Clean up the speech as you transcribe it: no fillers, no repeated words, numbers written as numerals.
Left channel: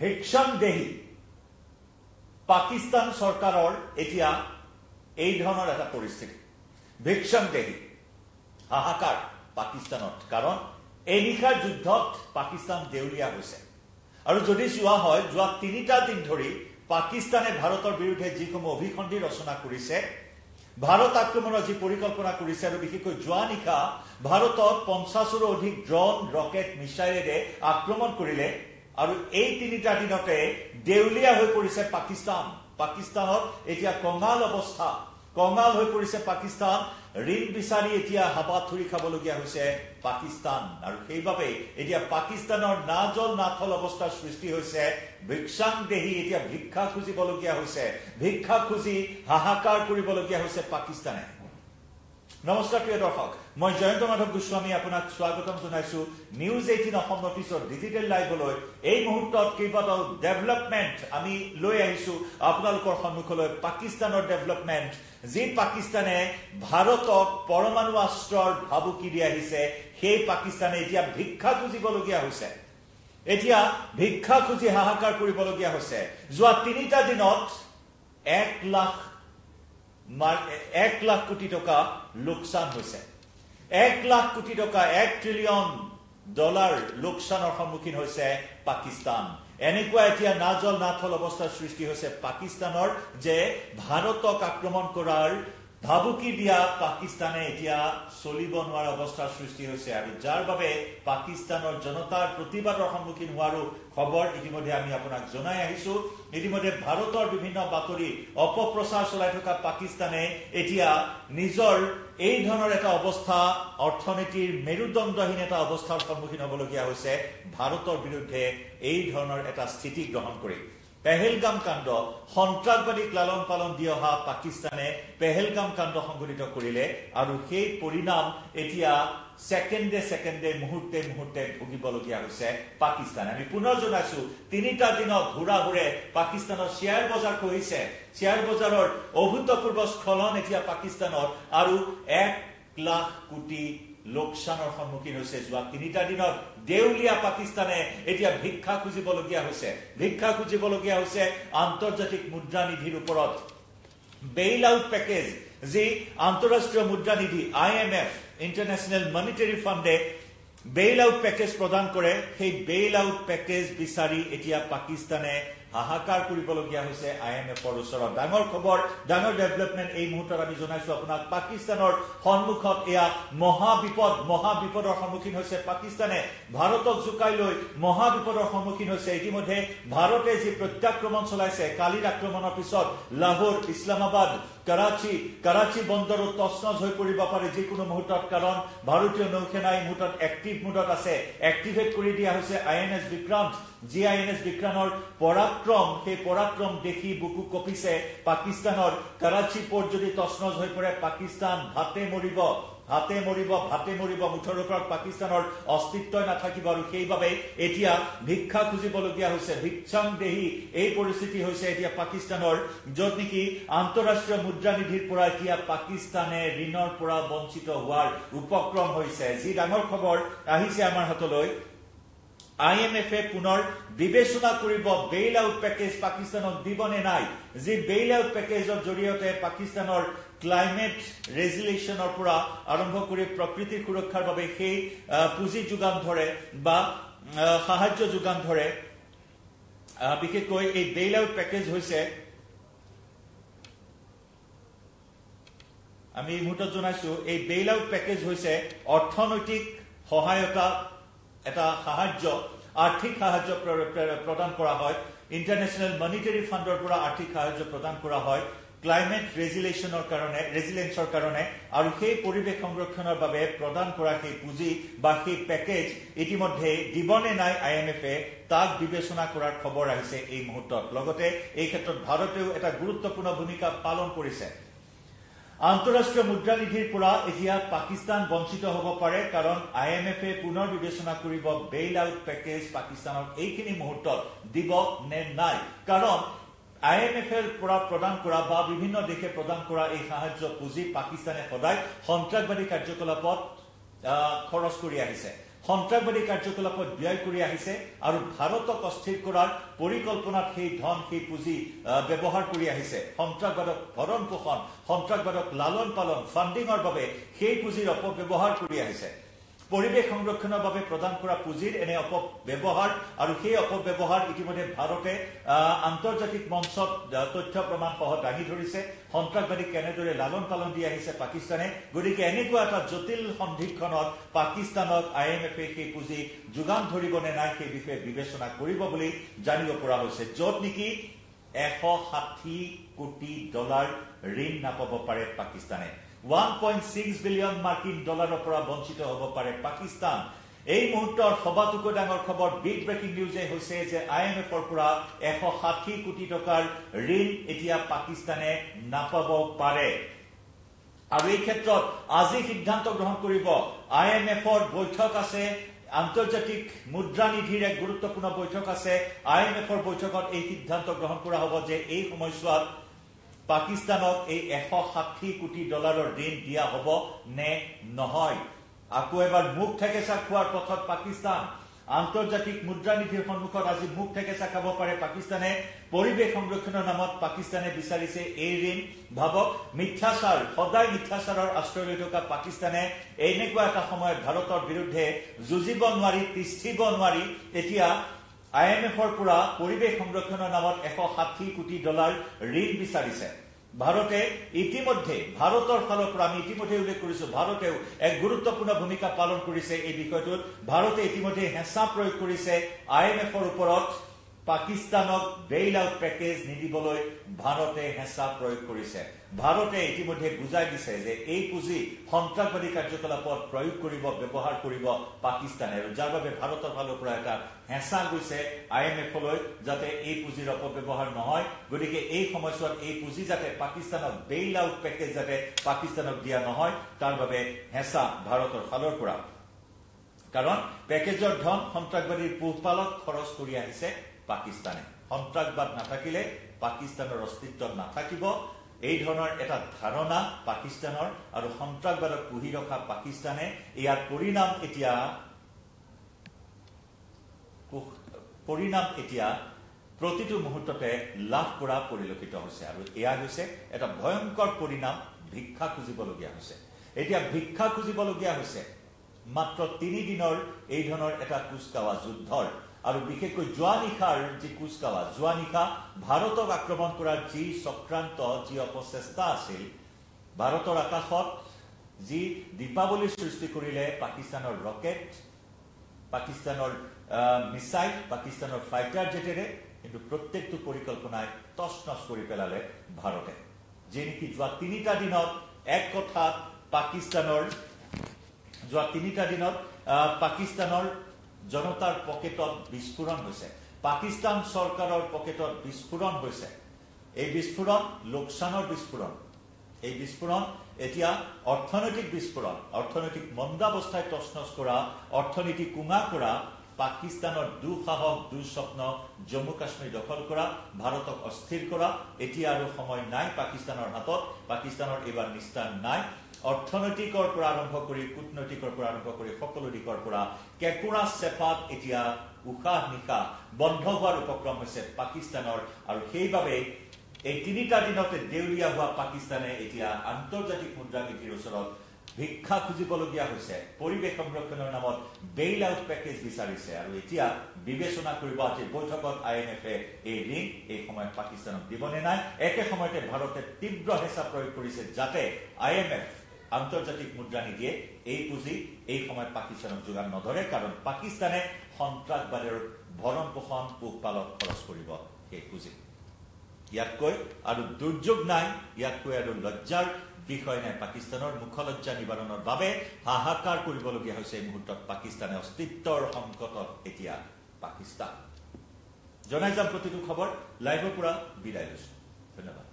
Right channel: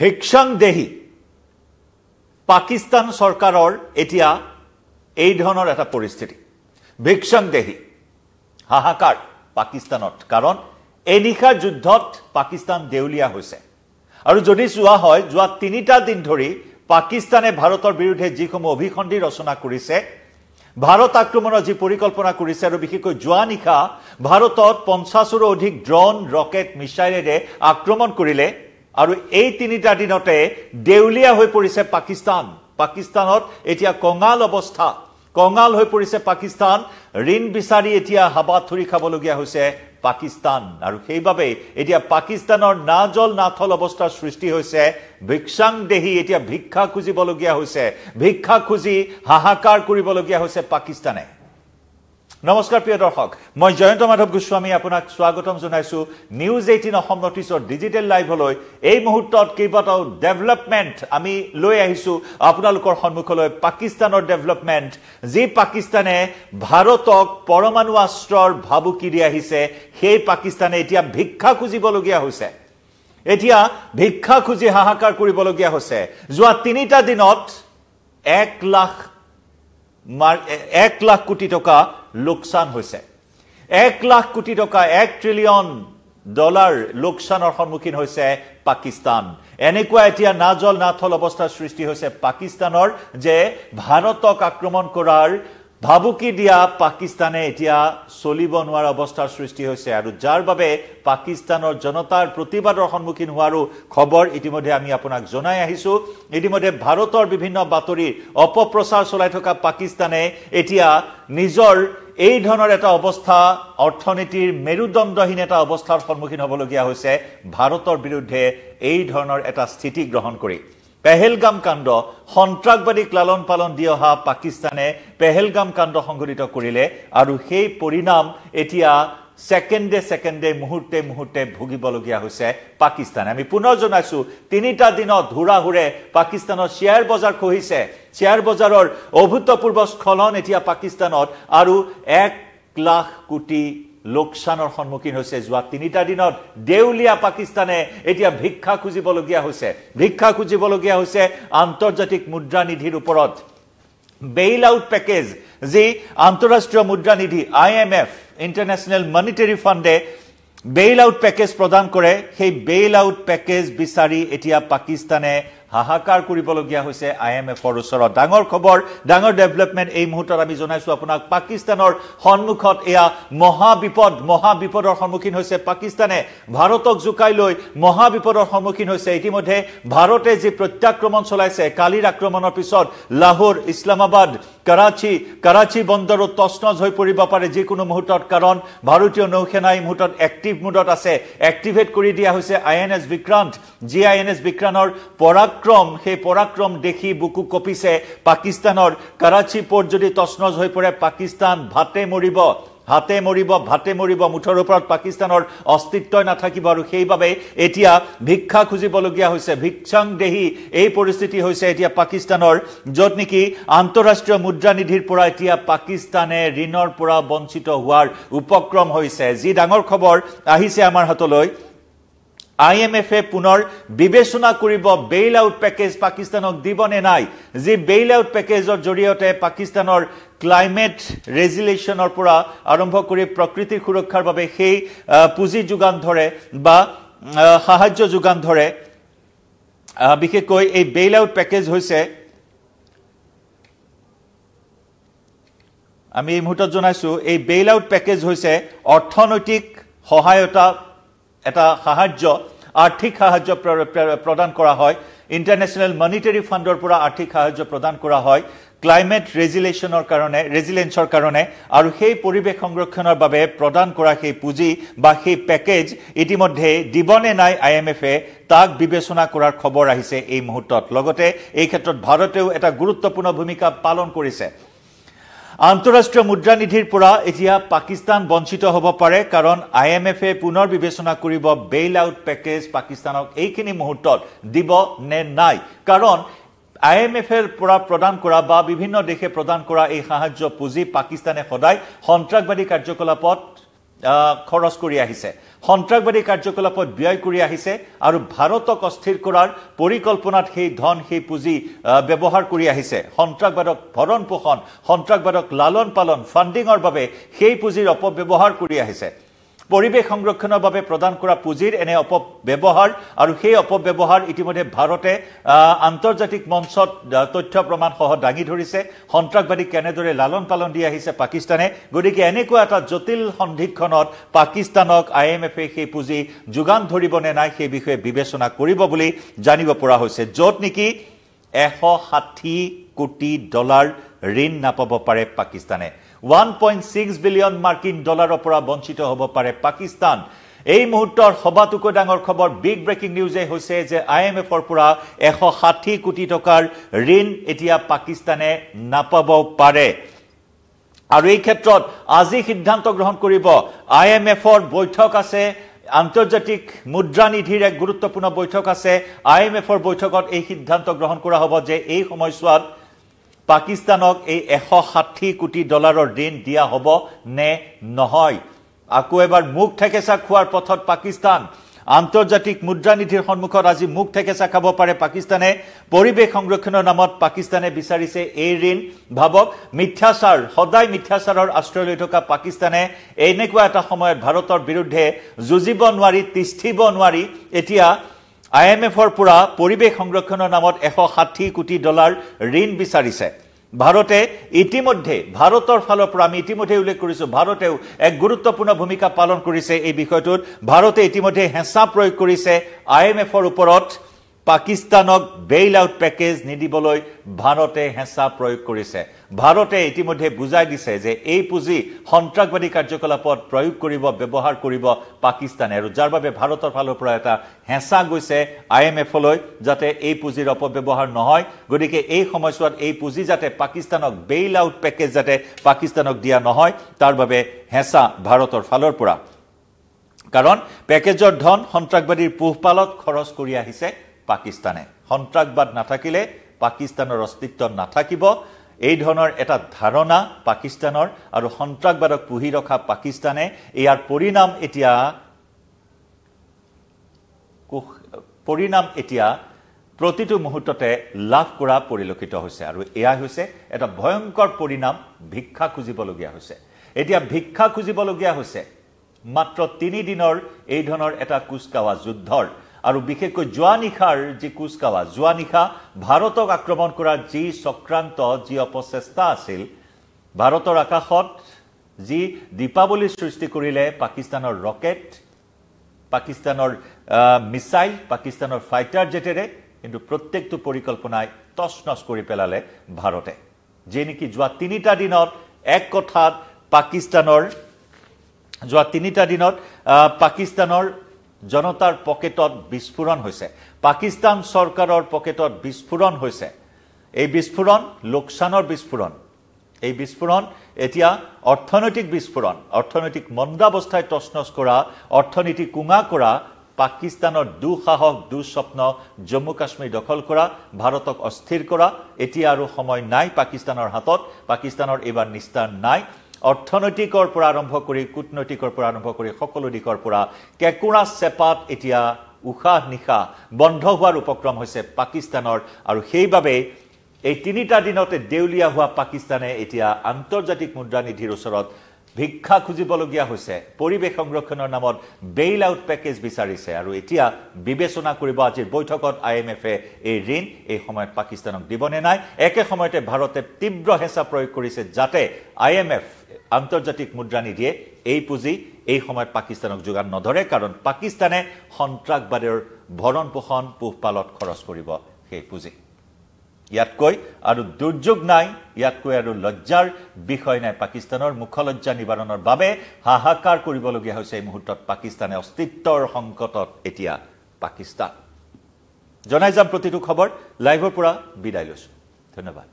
ভিক্ষাং দেহি পাকিস্তান সৰকাৰৰ এতিয়া এই ধৰণৰ এটা পৰিস্থিতি ভিক্ষাং দেহি হাহাকাৰ পাকিস্তানত কাৰণ এই নিশাৰ যুদ্ধত পাকিস্তান দেউলিয়া হৈছে আৰু যদি যোৱা হয় যোৱা 3টা দিন ধৰি পাকিস্তানে ভাৰতৰ বিৰুদ্ধে যিসমূহ অভিসন্ধি ৰচনা কৰিছে ভাৰত আক্ৰমণৰ যি পৰিকল্পনা কৰিছে আৰু বিশেষকৈ যোৱা নিশা ভাৰতত 50ৰো অধিক ড্ৰোন ৰকেট মিছাইলেৰে আক্ৰমণ কৰিলে আৰু এই 3টা দিনতে দেউলিয়া হৈ পৰিছে পাকিস্তানত এতিয়া কঙাল হৈ পৰিছে পাকিস্তান ঋণ বিচাৰি এতিয়া হাবাথুৰি খাবলগীয়া হৈছে পাকিস্তান আৰু সেইবাবে এতিয়া পাকিস্তানৰ নাজল নাথল অৱস্থাৰ সৃষ্টি হৈছে ভিক্ষাং দেহি এতিয়া ভিক্ষা খুজিবলগীয়া হৈছে ভিক্ষা খুজি হাহাকাৰ কৰিবলগীয়া হৈছে পাকিস্তানে নমস্কাৰ প্ৰিয় দৰ্শক মই জয়ন্ত মাধৱ গোস্বামী আপোনাক স্বাগতম জনাইছো নিউজ 18 অসম নটিছৰ ডিজিটেল লাইভলৈ এই মুহূৰ্তত কেইবাটাও ডেভেলপমেন্ট আমি লৈ আহিছো আপোনালোকৰ সন্মুখলৈ পাকিস্তানৰ ডেভেলপমেন্ট যি পাকিস্তানে ভাৰতক পৰমাণু অস্ত্ৰৰ ভাবুকি দি আহিছে সেই পাকিস্তানে এতিয়া ভিক্ষা খুজিবলগীয়া হৈছে এতিয়া ভিক্ষা খুজি হাহাকাৰ কৰিবলগীয়া হৈছে যোৱা 3টা দিনত 1 লাখ কোটি টকা লোকসান হৈছে 1 লাখ কোটি টকা $1 ট্ৰিলিয়ন লোকসানৰ সন্মুখীন হৈছে পাকিস্তান এনেকুৱা এতিয়া নাজল নাথল অৱস্থাৰ সৃষ্টি হৈছে পাকিস্তানৰ যে ভাৰতক আক্ৰমণ কৰাৰ ভাবুকি দিয়া পাকিস্তানে এতিয়া চলিব নোৱাৰা অৱস্থাৰ সৃষ্টি হৈছে আৰু যাৰ বাবে পাকিস্তানৰ জনতাৰ প্ৰতিবাদৰ সন্মুখীন হোৱাৰো খবৰ ইতিমধ্যে আমি আপোনাক জনাই আহিছো ইতিমধ্যে ভাৰতৰ বিভিন্ন বাতৰি অপপ্ৰচাৰ চলাই থকা পাকিস্তানে এতিয়া নিজৰ এই ধৰণৰ এটা অৱস্থা অৰ্থনীতিৰ মেৰুদণ্ডহীন এটা অৱস্থাৰ সন্মুখীন হ'বলগীয়া হৈছে ভাৰতৰ বিৰুদ্ধে এই ধৰণৰ এটা স্থিতি গ্ৰহণ কৰি পেহেলগাম কাণ্ড সন্ত্ৰাসবাদীক লালন পালন দি অহা পাকিস্তানে পেহেলগাম কাণ্ড সংঘটিত কৰিলে আৰু সেই পৰিণাম এতিয়া সেকেন্ডে মুহূৰ্তে ভুগিবলগীয়া হৈছে পাকিস্তান আমি পুনৰ জনাইছো 3টা দিনত হুৰাহুৰে পাকিস্তানৰ শেয়াৰ বজাৰ খহিছে শেয়াৰ বজাৰৰ অভূতপূৰ্ব স্খলন এতিয়া পাকিস্তানত আৰু 1 লাখ কোটি লোকসানৰ সন্মুখীন হৈছে যোৱা 3টা দিনত দেউলিয়া পাকিস্তানে এতিয়া ভিক্ষা খুজিবলগীয়া হৈছে আন্তৰ্জাতিক মুদ্ৰা নিধিৰ ওপৰত বেইল আউট পেকেজ যি আন্তঃৰাষ্ট্ৰীয় মুদ্ৰা নিধি IMF ইন্টাৰনেশ্যনেল মনিটাৰী ফাণ্ডে বেইল আউট পেকেজ প্ৰদান কৰে সেই বেইল আউট পেকেজ বিচাৰি এতিয়া পাকিস্তানে হাহাকাৰ কৰিবলগীয়া হৈছে IMFৰ ওচৰত ডাঙৰ খবৰ ডাঙৰ ডেভেলপমেন্ট এই মুহূৰ্তত আমি জনাইছো আপোনাক পাকিস্তানৰ সন্মুখত এয়া মহাবিপদৰ সন্মুখীন হৈছে পাকিস্তানে ভাৰতক জুকাই লৈ মহাবিপদৰ সন্মুখীন হৈছে ইতিমধ্যে ভাৰতে যি প্ৰত্যাক্ৰমণ চলাইছে কালিৰ আক্ৰমণৰ পিছত লাহোৰ ইছলামাবাদ কৰাচী বন্দৰো তছনছ হৈ পৰিব পাৰে যিকোনো মুহূৰ্তত কাৰণ ভাৰতীয় নৌসেনা এই মুহূৰ্তত এক্টিভ মোডত আছে এক্টিভেট কৰি দিয়া হৈছে INS বিক্ৰান্ত যি INS বিক্ৰান্তৰ পৰাক্ৰম দেখি বুকু কপিছে পাকিস্তানৰ কৰাচী পোৰ্ট যদি তছনছ হৈ পৰে পাকিস্তান ভাতে মৰিব মুঠৰ ওপৰত পাকিস্তানৰ অস্তিত্ব নাথাকিব আৰু সেইবাবে এতিয়া ভিক্ষা খুজিবলগীয়া হৈছে ভিক্ষাং দেহি এই পৰিস্থিতি হৈছে এতিয়া পাকিস্তানৰ যত নেকি আন্তঃৰাষ্ট্ৰীয় মুদ্ৰা নিধিৰ পৰা এতিয়া পাকিস্তানে ঋণৰ পৰা বঞ্চিত হোৱাৰ উপক্ৰম হৈছে যি ডাঙৰ খবৰ আহিছে আমাৰ হাতলৈ IMF পুনৰ বিবেচনা কৰিব বেইল আউট পেকেজ পাকিস্তানক দিবনে নাই যি বেইল আউট পেকেজৰ জৰিয়তে পাকিস্তানৰ ক্লাইমেট ৰেজিলেশ্যনৰ পৰা আৰম্ভ কৰি প্ৰকৃতিৰ সুৰক্ষাৰ বাবে সেই পুঁজি যোগান ধৰে বা সাহায্য যোগান ধৰে বিশেষকৈ এই বেইল আউট পেকেজ হৈছে আমি এই মুহূৰ্তত জনাইছো এই বেইল আউট পেকেজ হৈছে অৰ্থনৈতিক সহায়তা এটা আৰ্থিক সাহায্য প্ৰদান কৰা হয় ইন্টাৰনেশ্যনেল মনিটাৰী ফাণ্ডৰ পৰা আৰ্থিক সাহায্য প্ৰদান কৰা হয় ক্লাইমেট ৰেজিলেন্সৰ কাৰণে আৰু সেই পৰিৱেশ সংৰক্ষণৰ বাবে প্ৰদান কৰা সেই পুঁজি বা সেই পেকেজ ইতিমধ্যে দিবনে নাই IMF তাক বিবেচনা কৰাৰ খবৰ আহিছে এই মুহূৰ্তত লগতে এই ক্ষেত্ৰত ভাৰতেও এটা গুৰুত্বপূৰ্ণ ভূমিকা পালন কৰিছে আন্তঃৰাষ্ট্ৰীয় মুদ্ৰা নিধিৰ পৰা এতিয়া পাকিস্তান বঞ্চিত হ'ব পাৰে কাৰণ IMF পুনৰ বিবেচনা কৰিব বেইল আউট পেকেজ পাকিস্তানক এইখিনি মুহূৰ্তত দিব নে নাই কাৰণ IMF পৰা প্ৰদান কৰা বা বিভিন্ন দেশে প্ৰদান কৰা এই সাহায্য পুঁজি পাকিস্তানে সদায় সন্ত্ৰাসবাদী কাৰ্যকলাপত খৰচ কৰি আহিছে সন্ত্ৰাসবাদী কাৰ্যকলাপত ব্যয় কৰি আহিছে আৰু ভাৰতক অস্থিৰ কৰাৰ পৰিকল্পনাত সেই ধন সেই পুঁজি ব্যৱহাৰ কৰি আহিছে সন্ত্ৰাসবাদক ভৰণ পোষণ সন্ত্ৰাসবাদক লালন পালন ফাণ্ডিঙৰ বাবে সেই পুঁজিৰ অপব্যৱহাৰ কৰি আহিছে পৰিৱেশ সংৰক্ষণৰ বাবে প্ৰদান কৰা পুঁজিৰ এনে অপব্যৱহাৰ আৰু সেই অপব্যৱহাৰ ইতিমধ্যে ভাৰতে আন্তৰ্জাতিক মঞ্চত তথ্য প্ৰমাণ সহ দাঙি ধৰিছে সন্ত্ৰাসবাদী কেনেদৰে লালন পালন দি আহিছে পাকিস্তানে গতিকে এনেকুৱা এটা জটিল সন্ধিক্ষণত পাকিস্তানক IMFে সেই পুঁজি যোগান ধৰিব নে নাই সেই বিষয়ে বিবেচনা কৰিব বুলি জানিব পৰা হৈছে য'ত নেকি 160 কোটি ডলাৰ ঋণ নাপাব পাৰে পাকিস্তানে 1.6 বিলিয়ন মাৰ্কিন ডলাৰৰ পৰা বঞ্চিত হ'ব পাৰে পাকিস্তান এই মুহূৰ্তৰ সবাতোকৈ ডাঙৰ খবৰ বিগ ব্ৰেকিং নিউজে হৈছে যে IMFৰ পৰা 160 কোটি টকাৰ ঋণ এতিয়া পাকিস্তানে নাপাব পাৰে আৰু এই ক্ষেত্ৰত আজি সিদ্ধান্ত গ্ৰহণ কৰিব IMFৰ বৈঠক আছে আন্তৰ্জাতিক মুদ্ৰা নিধিৰ এক গুৰুত্বপূৰ্ণ বৈঠক আছে IMFৰ বৈঠকত এই সিদ্ধান্ত গ্ৰহণ কৰা হ'ব যে এই সময়ছোৱাত পাকিস্তানক এই 160 কোটি ডলাৰৰ ঋণ দিয়া হ'ব নে নহয় আকৌ এবাৰ মুখ ঠেকেচা খোৱাৰ পথত পাকিস্তান আন্তৰ্জাতিক মুদ্ৰা নিধিৰ সন্মুখত আজি মুখ ঠেকেচা খাব পাৰে পাকিস্তানে পৰিৱেশ সংৰক্ষণৰ নামত পাকিস্তানে বিচাৰিছে এই ঋণ ভাবক মিথ্যাচাৰ সদায় মিথ্যাচাৰৰ আশ্ৰয় লৈ থকা পাকিস্তানে এনেকুৱা এটা সময়ত ভাৰতৰ বিৰুদ্ধে যুঁজিব নোৱাৰি তিষ্ঠিব নোৱাৰি এতিয়া IMFৰ পৰা পৰিৱেশ সংৰক্ষণৰ নামত 160 কোটি ডলাৰ ঋণ বিচাৰিছে ভাৰতে ইতিমধ্যে ভাৰতৰ ফালৰ পৰা আমি ইতিমধ্যে উল্লেখ কৰিছো ভাৰতেও এক গুৰুত্বপূৰ্ণ ভূমিকা পালন কৰিছে এই বিষয়টোত ভাৰতে ইতিমধ্যে হেঁচা প্ৰয়োগ কৰিছে IMFৰ ওপৰত পাকিস্তানক বেইল আউট পেকেজ নিদিবলৈ ভাৰতে হেঁচা প্ৰয়োগ কৰিছে ভাৰতে ইতিমধ্যে বুজাই দিছে যে এই পুঁজি সন্ত্ৰাসবাদী কাৰ্যকলাপত প্ৰয়োগ কৰিব ব্যৱহাৰ কৰিব পাকিস্তানে আৰু যাৰ বাবে ভাৰতৰ ফালৰ পৰা এটা হেঁচা গৈছে IMFলৈ যাতে এই পুঁজিৰ অপব্যৱহাৰ নহয় গতিকে এই সময়ছোৱাত এই পুঁজি যাতে পাকিস্তানক বেইল আউট পেকেজ যাতে পাকিস্তানক দিয়া নহয় তাৰ বাবে হেঁচা ভাৰতৰ ফালৰ পৰা কাৰণ পেকেজৰ ধন সন্ত্ৰাসবাদীৰ পোহপালত খৰচ কৰি আহিছে পাকিস্তানে সন্ত্ৰাসবাদ নাথাকিলে পাকিস্তানৰ অস্তিত্ব নাথাকিব এই ধৰণৰ এটা ধাৰণা পাকিস্তানৰ আৰু সন্ত্ৰাসবাদক পুহি ৰখা পাকিস্তানে ইয়াৰ পৰিণাম এতিয়া প্ৰতিটো মুহূৰ্ততে লাভ কৰা পৰিলক্ষিত হৈছে আৰু এয়া হৈছে এটা ভয়ংকৰ পৰিণাম ভিক্ষা খুজিবলগীয়া হৈছে এতিয়া ভিক্ষা খুজিবলগীয়া হৈছে মাত্ৰ 3 দিনৰ এই ধৰণৰ এটা কুচকাৱা যুদ্ধৰ আৰু বিশেষকৈ জোৱানিখাৰ যি কুচকাৱা জোৱানিখা ভাৰতক আক্ৰমণ কৰাৰ যি চক্ৰান্ত যি অপচেষ্টা আছিল ভাৰতৰ আকাশত যি দীপাৱলীৰ সৃষ্টি কৰিলে পাকিস্তানৰ ৰকেট পাকিস্তানৰ মিসাইল পাকিস্তানৰ ফাইটাৰ জেটেৰে কিন্তু প্ৰত্যেকটো পৰিকল্পনাই তছনছ কৰি পেলালে ভাৰতে যে নেকি যোৱা 3টা দিনত এক কথাত পাকিস্তানৰ জনতাৰ পকেটত বিস্ফোৰণ হৈছে পাকিস্তান চৰকাৰৰ পকেটত বিস্ফোৰণ হৈছে এই বিস্ফোৰণ লোকসানৰ বিস্ফোৰণ এই বিস্ফোৰণ এতিয়া অৰ্থনৈতিক বিস্ফোৰণ অৰ্থনৈতিক মন্দাৱস্থায় তছনছ কৰা অৰ্থনীতি কুঙা কৰা পাকিস্তানৰ দুঃসাহস দুঃস্বপ্ন জম্মু কাশ্মীৰ দখল কৰা ভাৰতক অস্থিৰ কৰা এতিয়া আৰু সময় নাই পাকিস্তানৰ হাতত পাকিস্তানৰ এবাৰ নিস্তাৰ নাই অৰ্থনৈতিকৰ পৰা আৰম্ভ কৰি কূটনৈতিকৰ পৰা আৰম্ভ কৰি সকলো দিশৰ পৰা কেকুৰা চেপাত এতিয়া উশাহ নিশাহ বন্ধ হোৱাৰ উপক্ৰম হৈছে পাকিস্তানৰ আৰু সেইবাবে এই 3টা দিনতে দেউলিয়া হোৱা পাকিস্তানে এতিয়া আন্তৰ্জাতিক মুদ্ৰা নিধিৰ ওচৰত ভিক্ষা খুজিবলগীয়া হৈছে পৰিৱেশ সংৰক্ষণৰ নামত বেইল আউট পেকেজ বিচাৰিছে আৰু এতিয়া বিবেচনা কৰিব আজিৰ বৈঠকত IMFে এই ঋণ এই সময়ত পাকিস্তানক দিবনে নাই একে সময়তে ভাৰতে তীব্ৰ হেঁচা প্ৰয়োগ কৰিছে যাতে IMF আন্তৰ্জাতিক মুদ্ৰা নিধিয়ে এই পুঁজি এই সময়ত পাকিস্তানক যোগান নধৰে কাৰণ পাকিস্তানে সন্ত্ৰাসবাদৰ ভৰণ পোষণ পোহপালত খৰচ কৰিব সেই পুঁজি ইয়াতকৈ আৰু দুৰ্যোগ নাই ইয়াতকৈ আৰু লজ্জাৰ বিষয় নাই পাকিস্তানৰ মুখলজ্জা নিবাৰণৰ বাবে হাহাকাৰ কৰিবলগীয়া হৈছে এই মুহূৰ্তত পাকিস্তানে অস্তিত্বৰ সংকটত এতিয়া পাকিস্তান জনাই যাম প্ৰতিটো খবৰ লাইভৰ পৰা বিদায় লৈছো ধন্যবাদ